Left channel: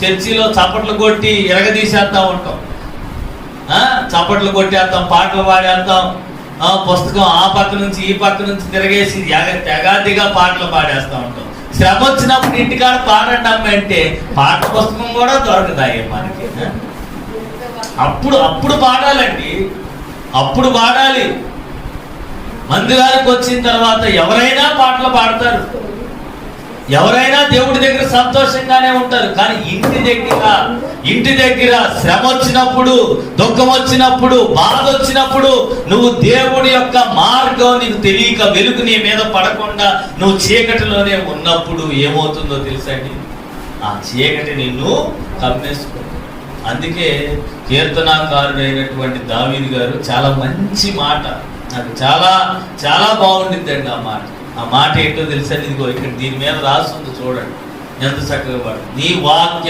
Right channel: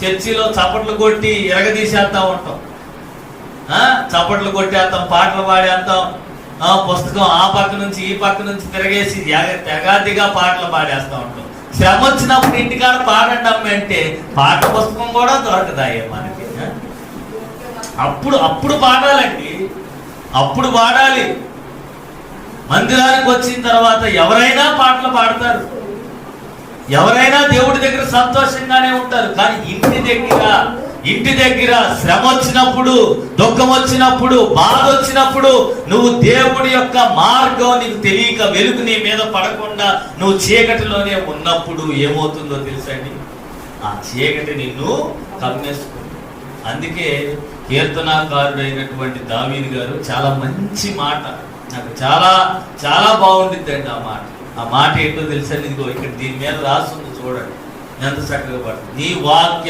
చర్చిలో చప్పట్లు కొట్టి ఎరగదీసేస్తా ఉంటాం, చప్పట్లు కొట్టేస్తాం, పాటలు పాడేస్తాం, పుస్తకం ఆ పక్క నుంచి ఈ పక్క నుంచి తిరగేసి తెగాదిగా పాటలు పాడేస్తా ఉంటాం. శ్రమ వచ్చినప్పుడు ఇంటికాడ పాడండి అమ్మ అంటే పాట పుస్తకం కూడా దొరకదాయే మనకి. అప్పుడు పాడాలండి, అప్పుడు పాడాలి. మందిరానికి వచ్చిన తర్వాత ఎవరైనా పాటలు పాడతారు, ఎవరైనా దేవుడి దగ్గర సంతోషంగానే ఉంటారు. కానీ ఇంటి దగ్గర శ్రమ వచ్చినప్పుడు, దుఃఖం వచ్చినప్పుడు, బాధ వచ్చినప్పుడు, నువ్వు దేవుడి యొక్క మార్గం నీకు తెలియక, వెలుగు నీ మీద పడకుండా నువ్వు చీకటిలోనే ఉన్నప్పుడు ఏమవుతుందో తెలుసండి, ఆ చీకటి నిన్ను కమ్మేసుకుంటుంది. అందుకే కీర్తనాకారుడైనటువంటి దావీదు గారు చాలా మంచి మాట, నాకు చాలా చాలా బాగుండిద్దండి ఆ మాట ఏంటో తెలుసండి. ఇదిగో ఇక్కడ దీని మీద రాస్తుంది చూడండి, ఎంత చక్కగా పడుతుంది. నీ వాక్యం